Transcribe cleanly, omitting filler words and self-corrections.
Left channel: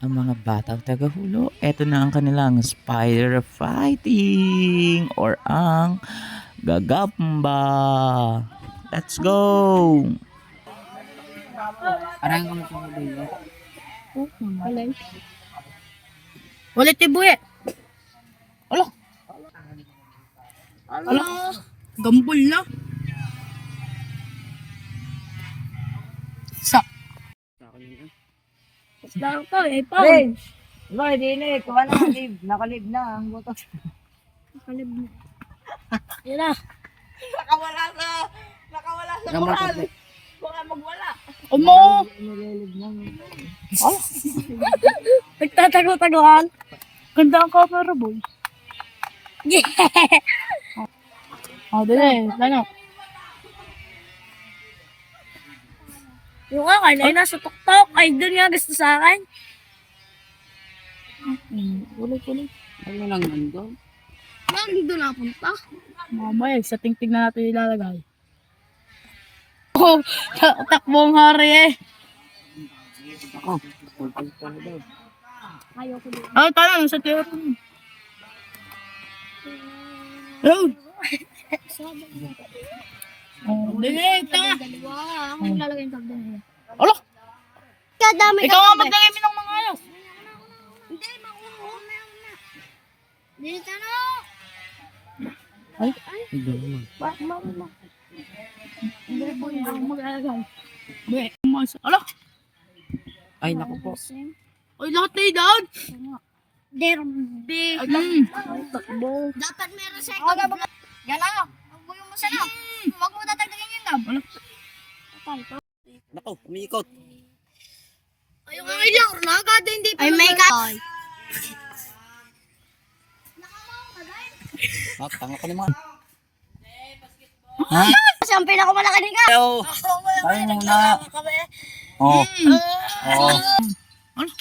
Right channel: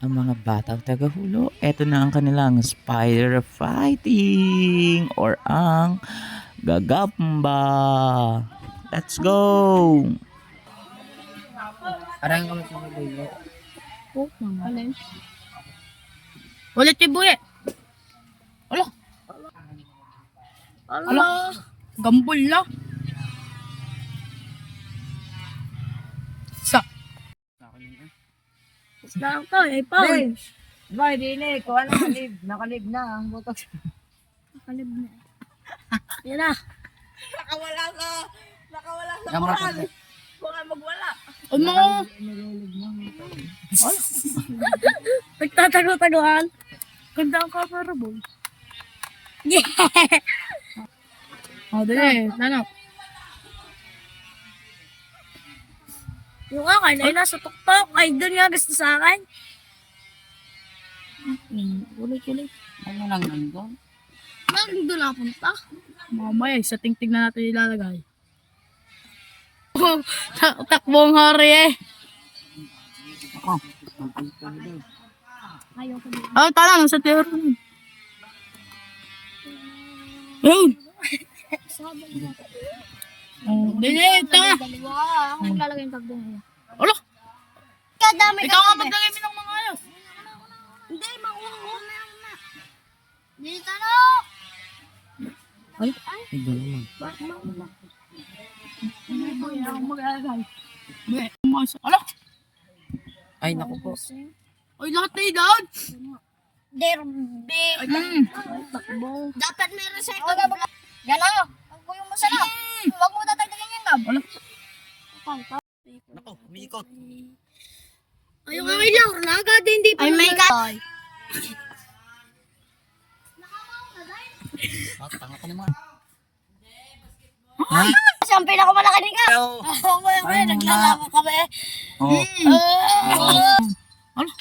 ang mga batang tagahulo. Ito na ang kanilang spider fighting or ang gagamba. Let's go! Parang kami sa video. Oh, alin? Ulit ibu eh. Ala. Ala. Gambol na. Sa. Lang to eh, pa. Hey! Boy, di na eh. Kung ano, nakalib na ang butok. Nakalib na. Yan na. Nakawala sa moral. Baka magwala. Umo. Nililib na. Nagtatago-taguan. Ganda ang camera boy. Yeah. Oh, dali. Lano. Yung akin ay nasa tuktok. Ay, doon nga gusto sa akin. Ulit. Ano lang nandun? Nandun na punta. Mamaya, sa tingting na natin ilalagay. Oh, takbong hari eh. Ako. Pagpunta na daw. Oh, tala lang sa tiro. Yun. Oh, dili, ito. Ang lalagay yung takbong mo. Alo. Ikaw nga maglagay mo ng mga ayos. Hindi, makuha na yan na. Dito na. Ay. Hindi. Hindi po yan ako mag-alagay. Alo. Ay, naku po. Uy, lahat na down. Derby. Ay, takbo. Dapat meron sa ikaw. Yan o. Huwag mo yung masala. Huwag mo tatagdagan yan, Gab. Naku, umiikot. Ay, yung ilang. Nagad, hindi pa. Ay, may ka. Tanga ko naman. Kasi ang pinakamalaki ni ka. Hello. Oo, may naglalama kami. Oh. Ano?